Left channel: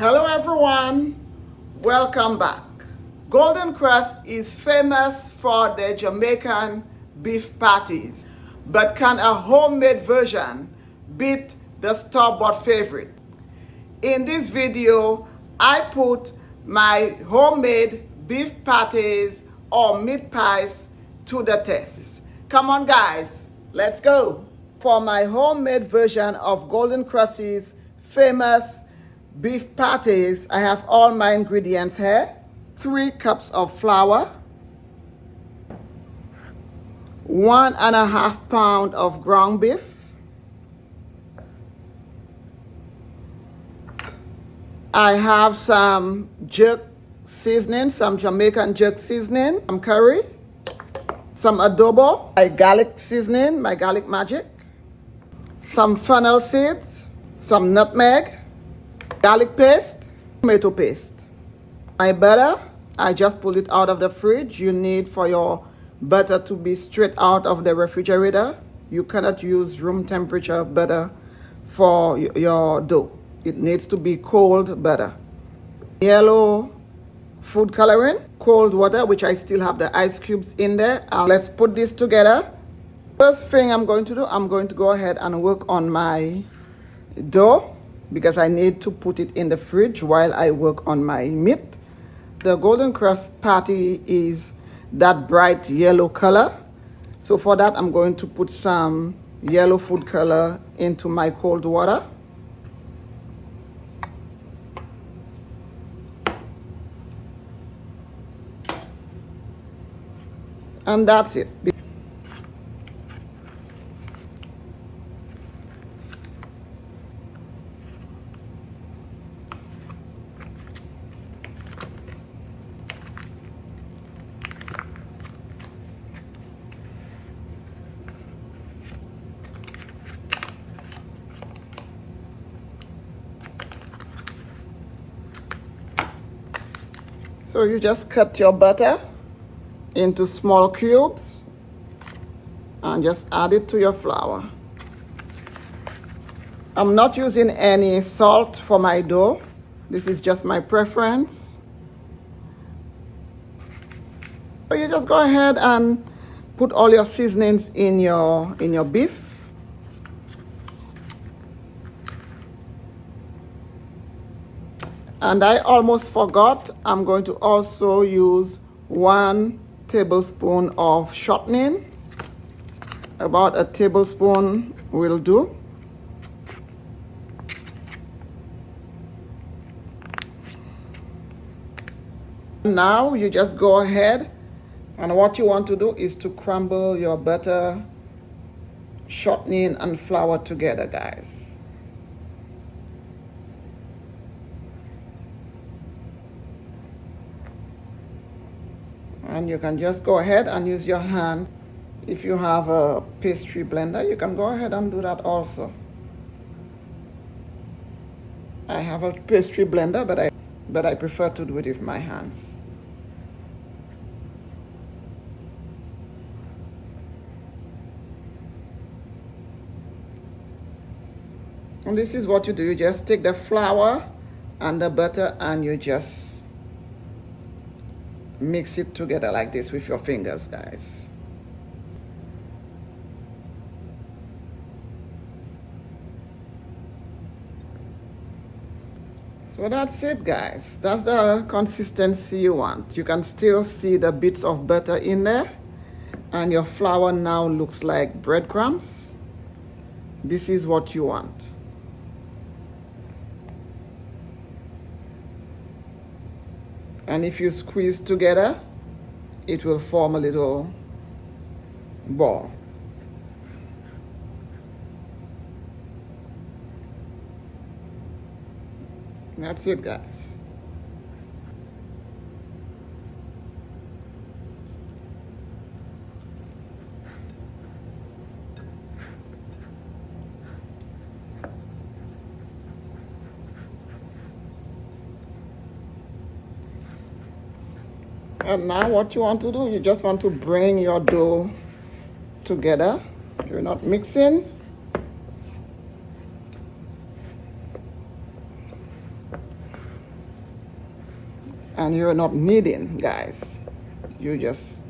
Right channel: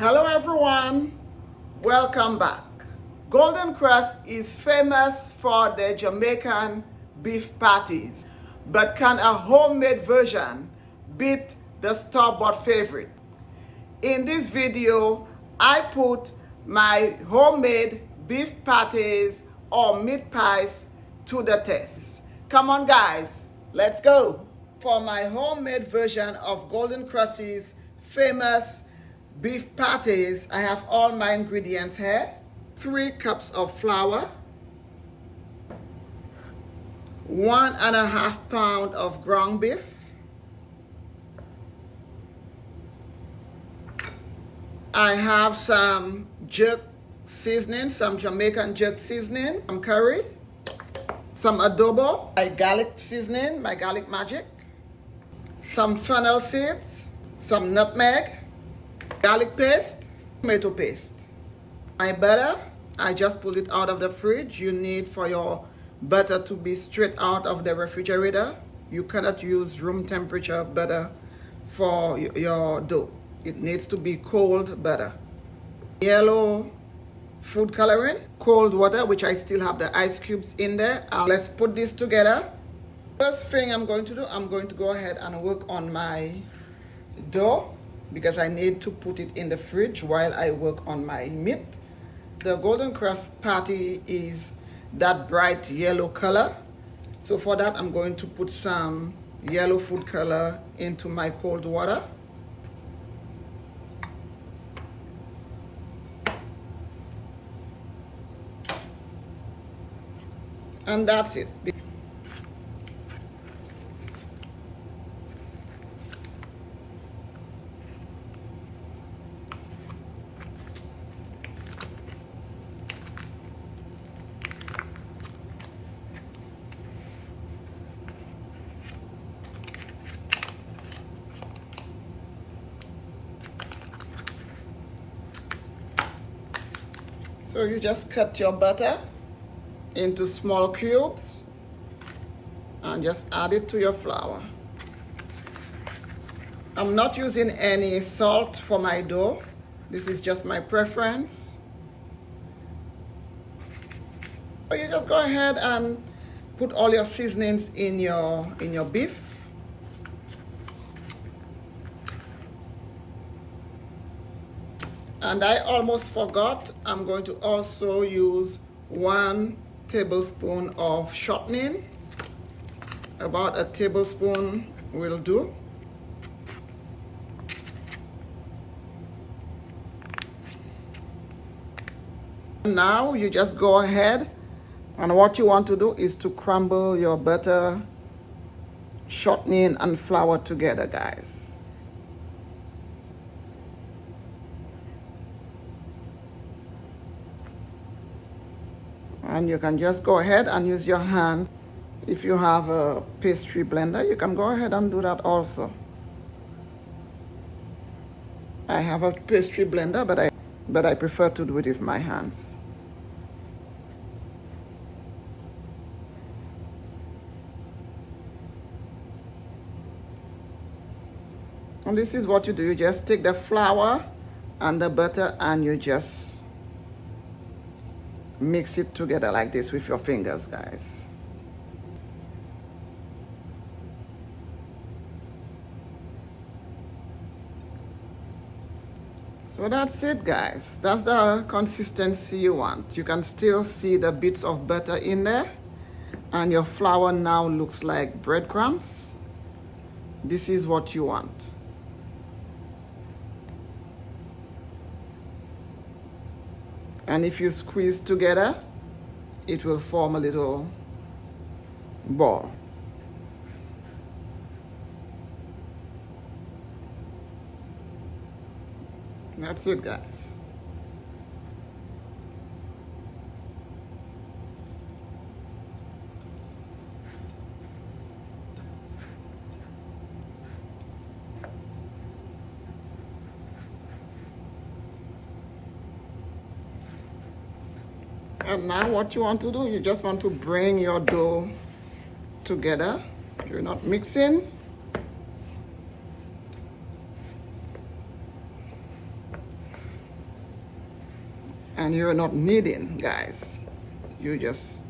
Hello everyone, welcome back. Golden Krust is famous for their Jamaican beef patties, but can a homemade version beat the store-bought favorite? In this video, I put my homemade beef patties or meat pies to the test. Come on guys, let's go. For my homemade version of Golden Krust's famous beef patties, I have all my ingredients here. 3 cups of flour, 1.5 pounds of ground beef, I have some jerk seasoning, some Jamaican jerk seasoning, some curry, some adobo, my garlic seasoning, my garlic magic, some fennel seeds, some nutmeg, garlic paste, tomato paste. My butter, I just pulled it out of the fridge. You need for your butter to be straight out of the refrigerator. You cannot use room temperature butter for your dough. It needs to be cold butter. Yellow food coloring, cold water, which I still have the ice cubes in there. Let's put this together. First thing I'm going to do, I'm going to go ahead and work on my dough because I need to put it in the fridge while I work on my meat. The Golden Krust patty is that bright yellow color. So for that, I'm going to put some yellow food color into my cold water. And that's it. So you just cut your butter into small cubes and just add it to your flour. I'm not using any salt for my dough. This is just my preference. So you just go ahead and put all your seasonings in your beef. And I almost forgot, I'm going to also use 1 tablespoon of shortening. About a tablespoon will do. Now you just go ahead, and what you want to do is to crumble your butter, shortening, and flour together, guys. And you can just go ahead and use your hand. If you have a pastry blender, you can go ahead and do that also. I have a pastry blender, but I prefer to do it with my hands. And this is what you do. You just take the flour and the butter and you just mix it together like this with your fingers, guys. So that's it, guys. That's the consistency you want. You can still see the bits of butter in there, and your flour now looks like breadcrumbs. This is what you want. And if you squeeze together, it will form a little ball. That's it, guys. And now what you want to do, you just want to bring your dough together. You're not mixing. And you're not kneading, guys. You just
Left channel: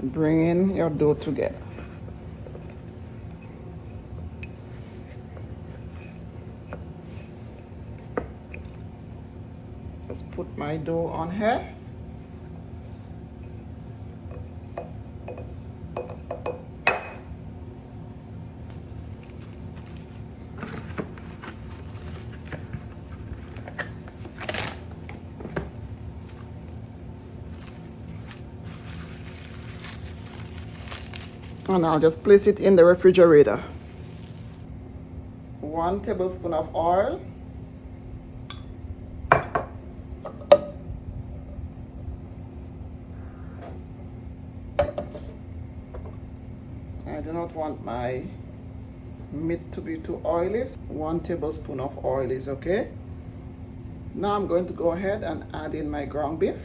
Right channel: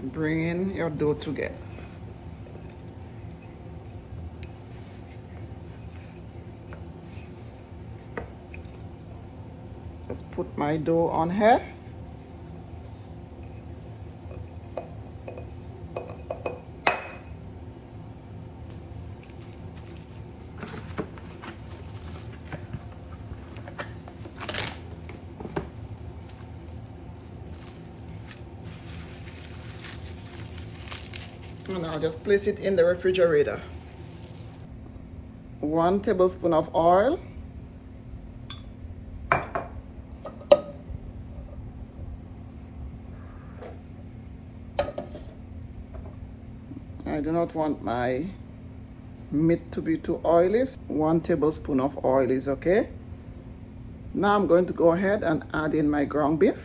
bring your dough together. Just put my dough on here. And I'll just place it in the refrigerator. 1 tablespoon of oil. I do not want my meat to be too oily. 1 tablespoon of oil is okay. Now I'm going to go ahead and add in my ground beef.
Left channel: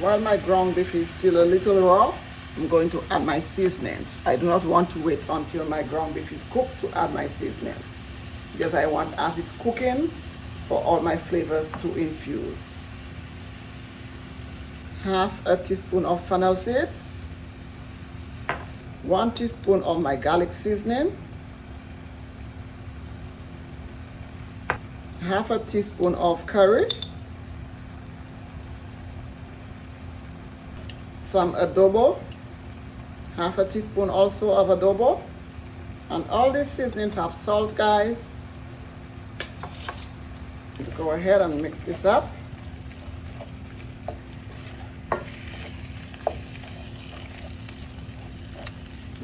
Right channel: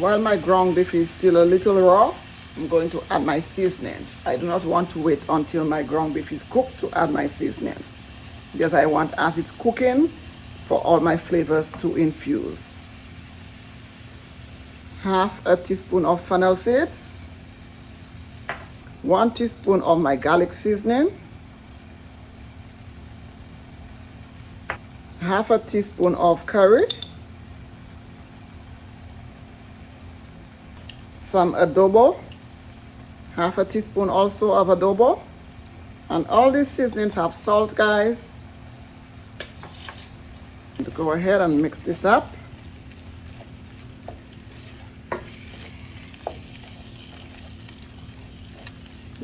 While my ground beef is still a little raw, I'm going to add my seasonings. I do not want to wait until my ground beef is cooked to add my seasonings, because I want, as it's cooking, for all my flavors to infuse. 1/2 teaspoon of fennel seeds, 1 teaspoon of my garlic seasoning, 1/2 teaspoon of curry, some adobo, 1/2 teaspoon also of adobo. And all these seasonings have salt, guys. Go ahead and mix this up.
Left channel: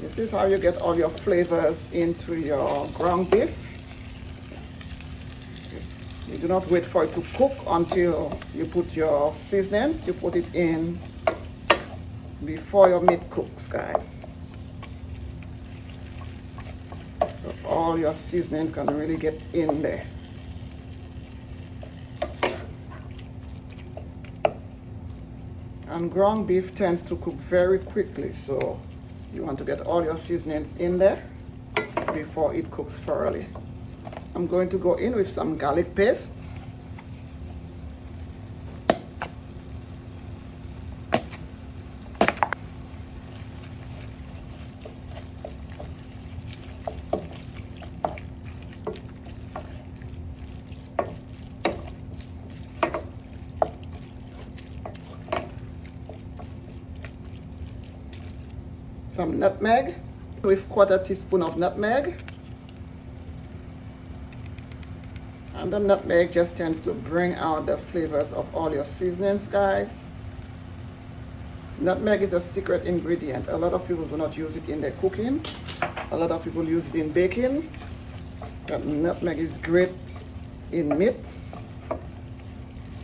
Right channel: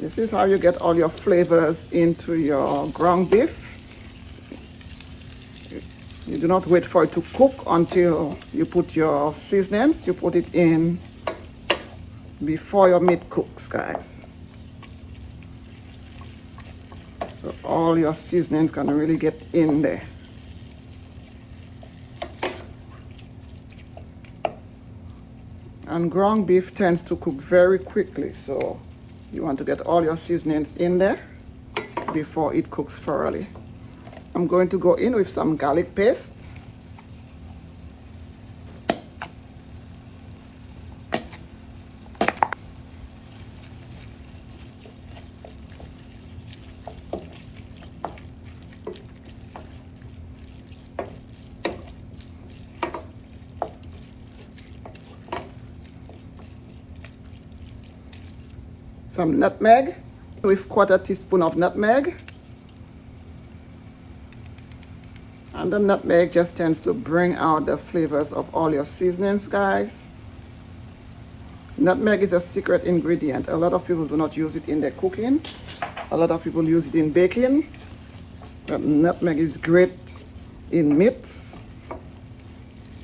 This is how you get all your flavors into your ground beef. You do not wait for it to cook until you put your seasonings. You put it in before your meat cooks, guys. So all your seasonings can really get in there. And ground beef tends to cook very quickly, so you want to get all your seasonings in there before it cooks thoroughly. I'm going to go in with some garlic paste. Some nutmeg, with 1/4 teaspoon of nutmeg. And the nutmeg just tends to bring out the flavors of all your seasonings, guys. Nutmeg is a secret ingredient. A lot of people do not use it in their cooking. A lot of people use it in baking. But nutmeg is great in meats.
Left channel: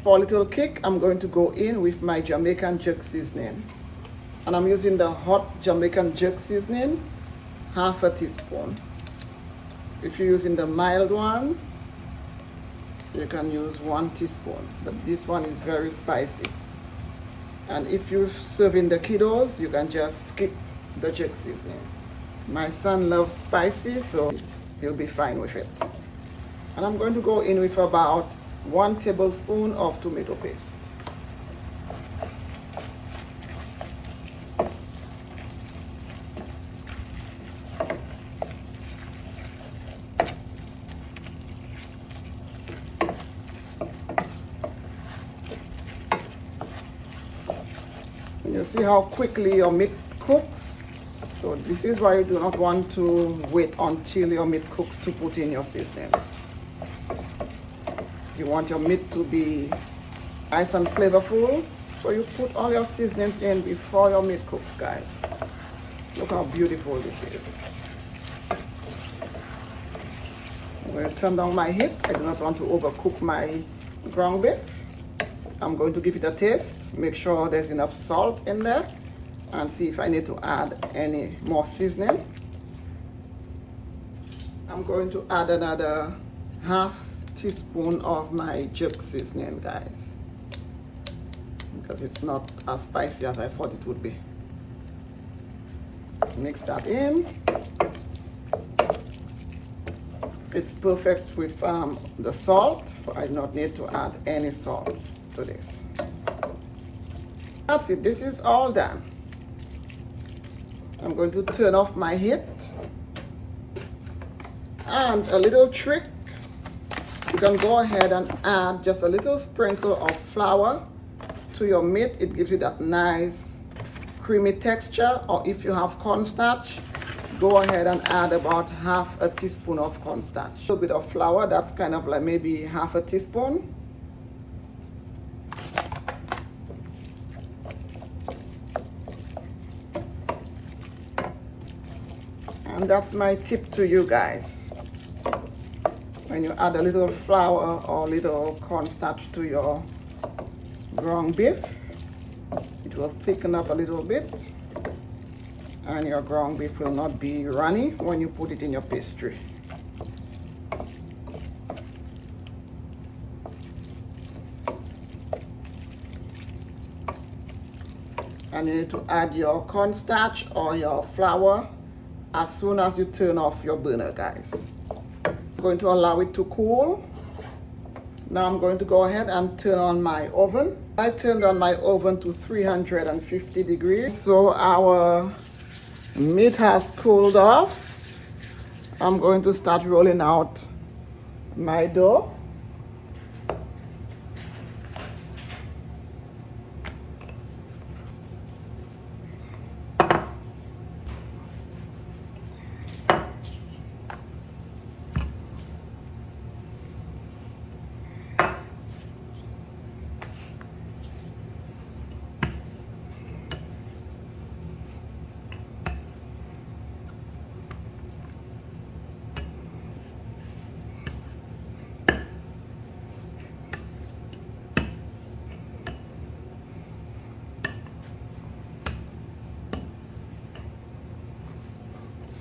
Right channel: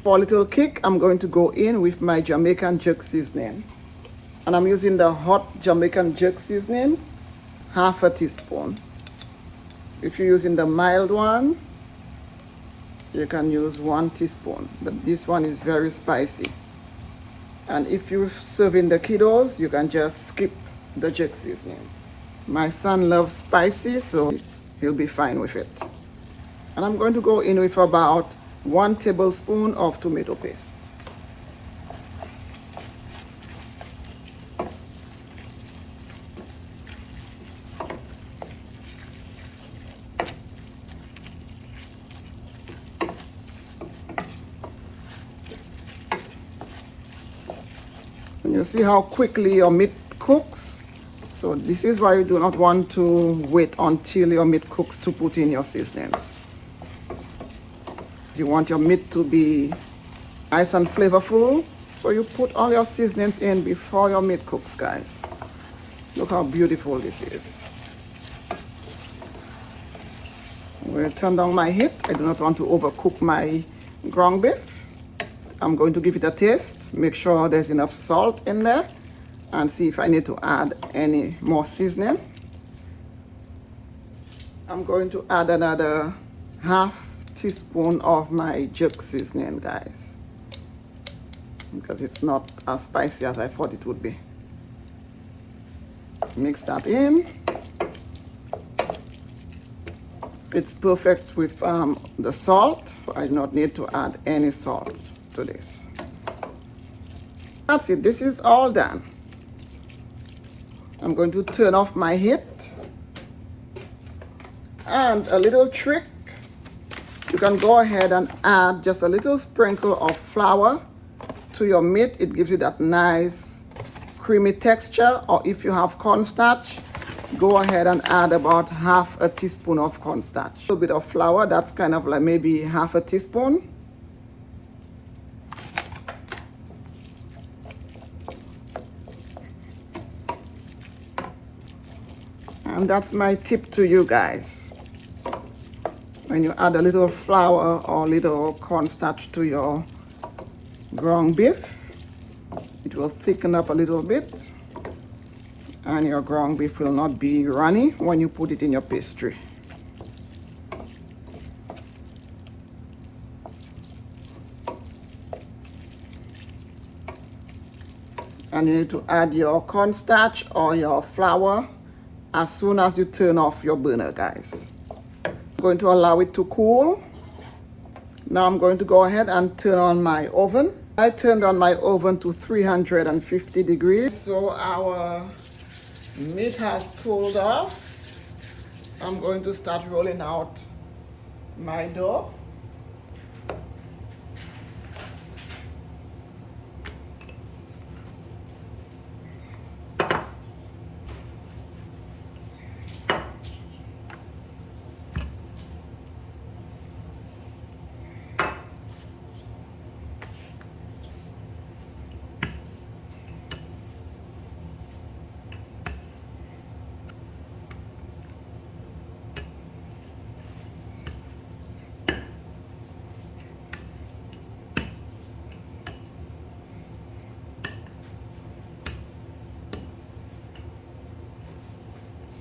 For a little kick, I'm going to go in with my Jamaican jerk seasoning. And I'm using the hot Jamaican jerk seasoning, 1/2 teaspoon. If you're using the mild one, you can use 1 teaspoon. But this one is very spicy. And if you're serving the kiddos, you can just skip the jerk seasoning. My son loves spicy, so he'll be fine with it. And I'm going to go in with about 1 tablespoon of tomato paste. You see how quickly your meat cooks? So this is why you do not want to wait until your meat cooks to put in your seasonings. You want your meat to be nice and flavorful, so you put all your seasonings in before your meat cooks, guys. Look how beautiful this is. I'm going to turn down my heat. I do not want to overcook my ground beef. I'm going to give it a taste, make sure there's enough salt in there, and see if I need to add any more seasoning. I'm going to add another half teaspoon of my jerk seasoning, guys, because it's not as spicy as I thought it would be. Mix that in. It's perfect with the salt. I do not need to add any salt to this. That's it. This is all done. I'm going to turn off my heat. And a little trick, you can go ahead and add just a little sprinkle of flour to your meat. It gives you that nice creamy texture. Or if you have cornstarch, go ahead and add about half a teaspoon of cornstarch. A little bit of flour, that's kind of like maybe half a teaspoon. And that's my tip to you guys. When you add a little flour or little cornstarch to your ground beef, it will thicken up a little bit, and your ground beef will not be runny when you put it in your pastry. And you need to add your cornstarch or your flour as soon as you turn off your burner, guys. I'm going to allow it to cool. Now I'm going to go ahead and turn on my oven. I turned on my oven to 350 degrees. So our meat has cooled off. I'm going to start rolling out my dough.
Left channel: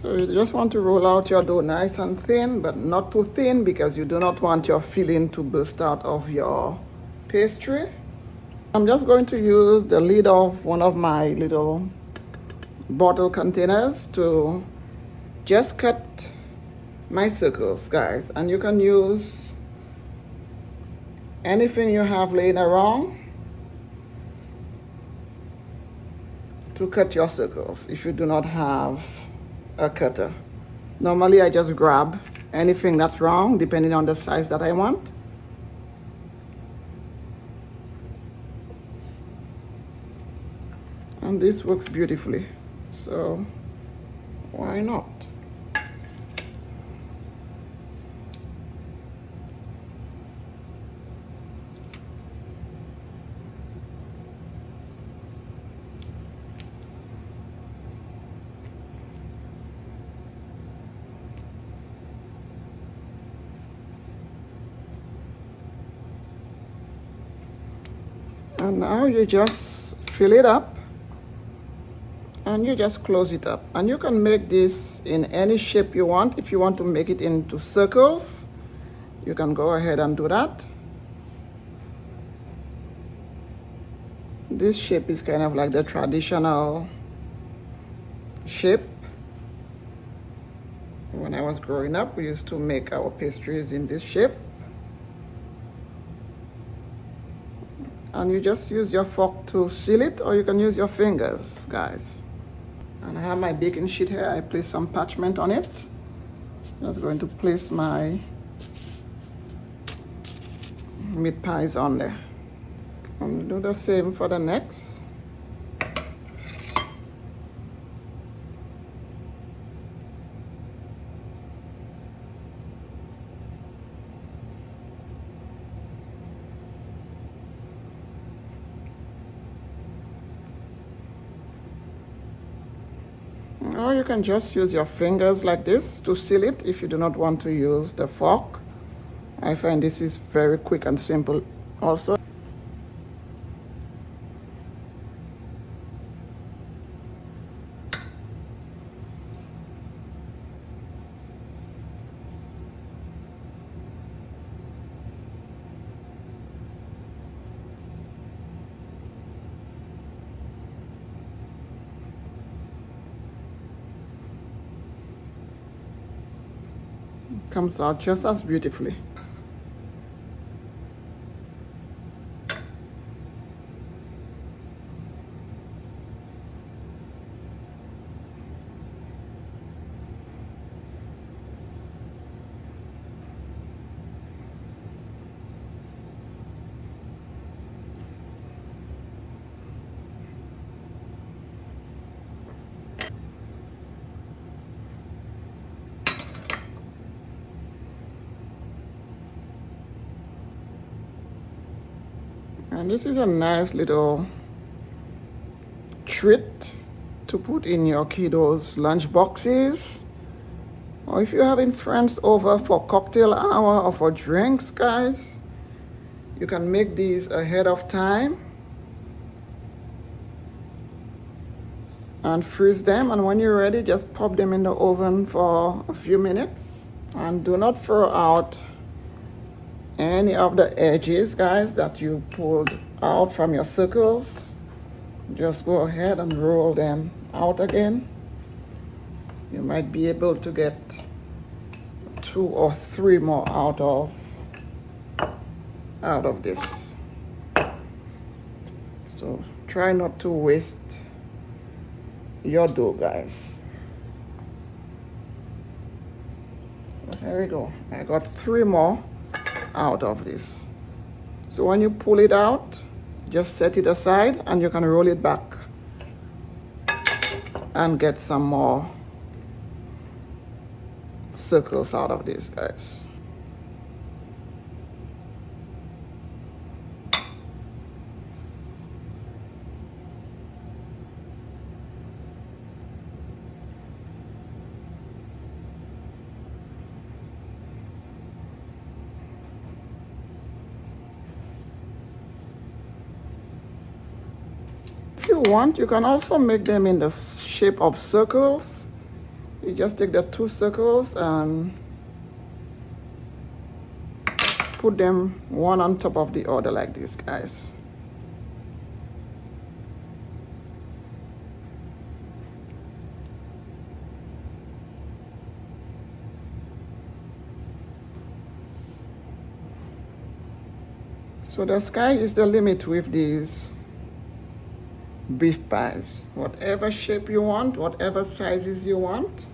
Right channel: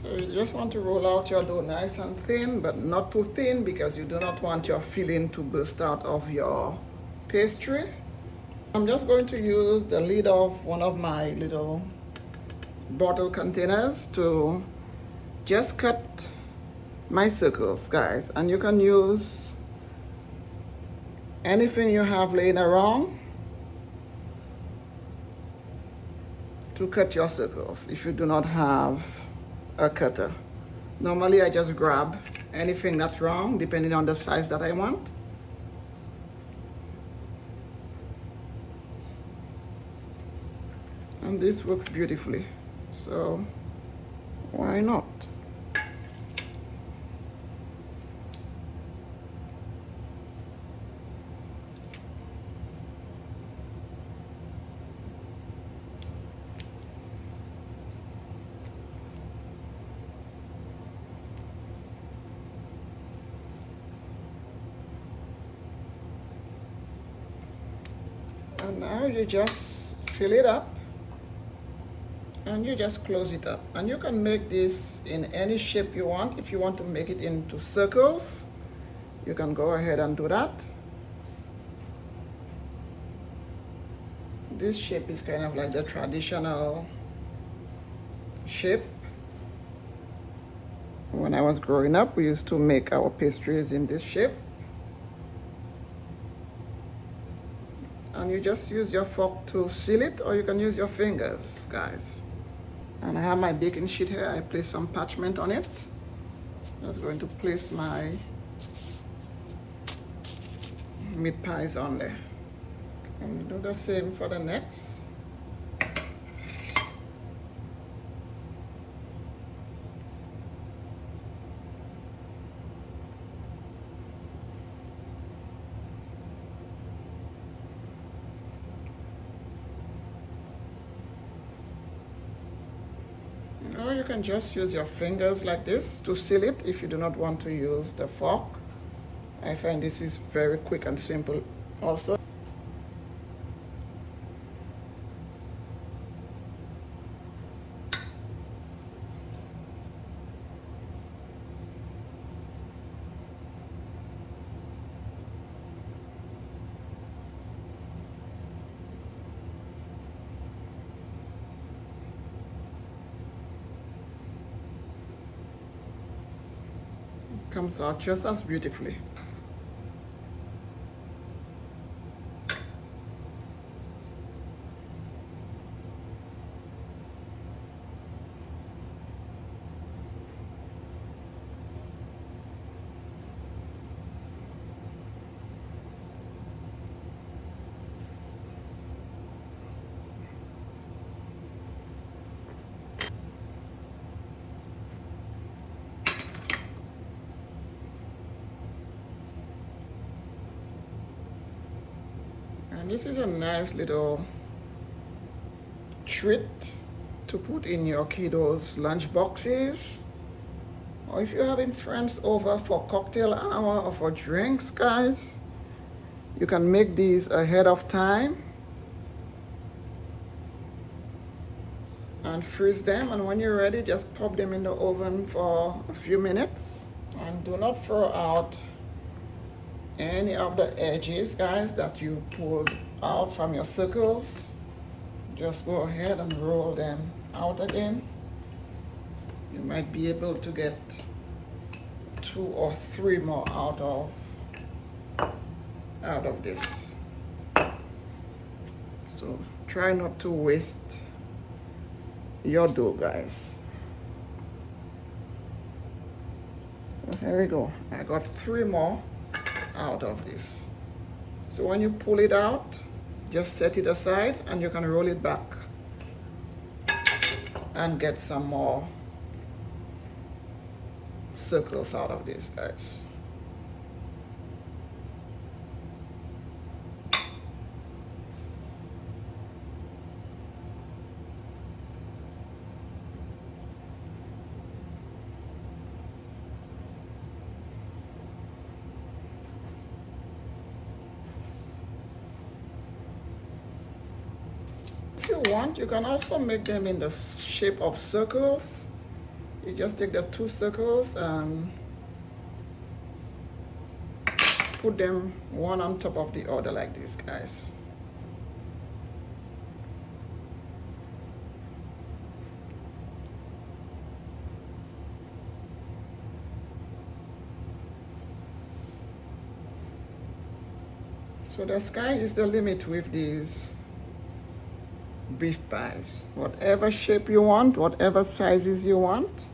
So you just want to roll out your dough nice and thin, but not too thin because you do not want your filling to burst out of your pastry. I'm just going to use the lid of one of my little bottle containers to just cut my circles, guys. And you can use anything you have laying around to cut your circles if you do not have a cutter. Normally I just grab anything that's round depending on the size that I want. And this works beautifully, so why not? And now you just fill it up and you just close it up. And you can make this in any shape you want. If you want to make it into circles, you can go ahead and do that. This shape is kind of like the traditional shape. When I was growing up, we used to make our pastries in this shape. And you just use your fork to seal it, or you can use your fingers, guys. And I have my baking sheet here. I place some parchment on it. Just going to place my meat pies on there. And do the same for the next. Or you can just use your fingers like this to seal it if you do not want to use the fork I find this is very quick and simple also. Comes out just as beautifully. And this is a nice little treat to put in your kiddos' lunch boxes. Or if you're having friends over for cocktail hour or for drinks, guys, you can make these ahead of time and freeze them. And when you're ready, just pop them in the oven for a few minutes. And do not throw out any of the edges, guys, that you pulled out from your circles. Just go ahead and roll them out again. You might be able to get 2 or 3 more out of this. So try not to waste your dough, guys. So here we go. I got 3 more out of this. So when you pull it out, just set it aside and you can roll it back and get some more circles out of this, guys. If you want, you can also make them in the shape of circles. You just take the 2 circles and put them one on top of the other like this, guys. So the sky is the limit with these beef pies. Whatever shape you want, whatever sizes you want.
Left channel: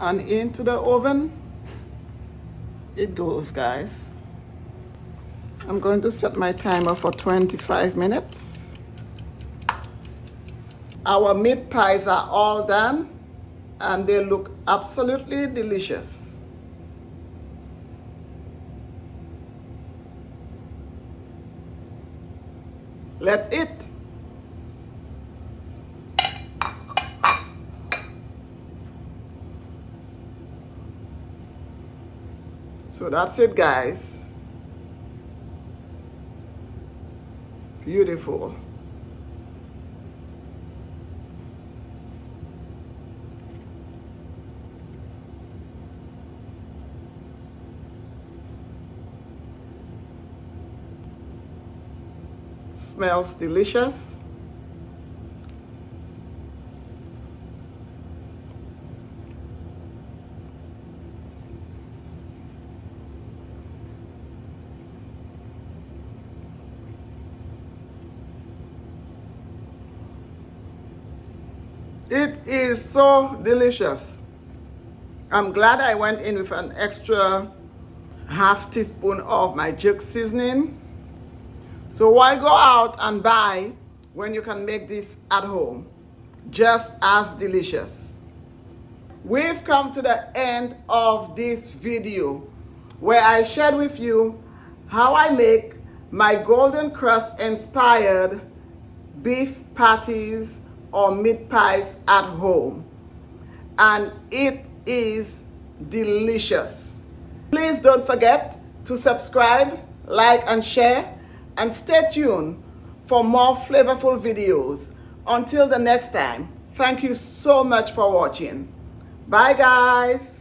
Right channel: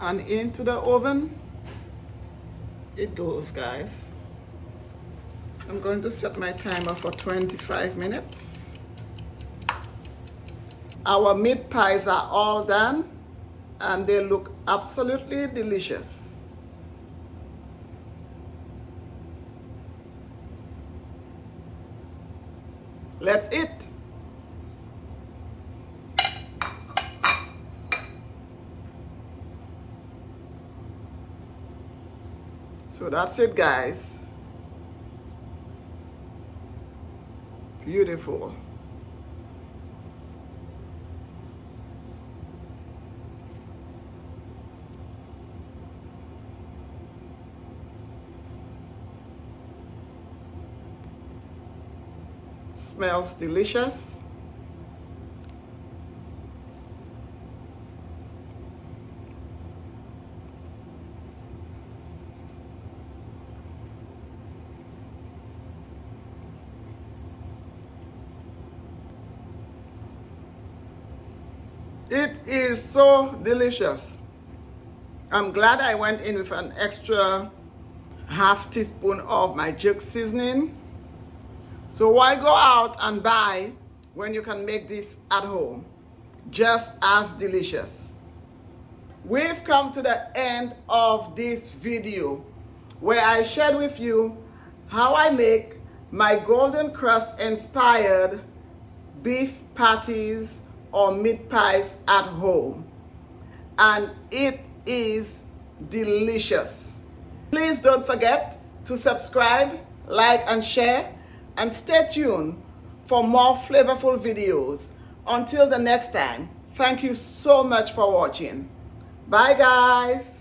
And into the oven it goes, guys. I'm going to set my timer for 25 minutes. Our meat pies are all done and they look absolutely delicious. Let's eat. So that's it, guys. Beautiful. Smells delicious. It is so delicious. I'm glad I went in with an extra half teaspoon of my jerk seasoning. So why go out and buy when you can make this at home? Just as delicious. We've come to the end of this video where I shared with you how I make my Golden Krust inspired beef patties or meat pies at home. And it is delicious. Please don't forget to subscribe, like, and share, and stay tuned for more flavorful videos. Until the next time, thank you so much for watching. Bye, guys.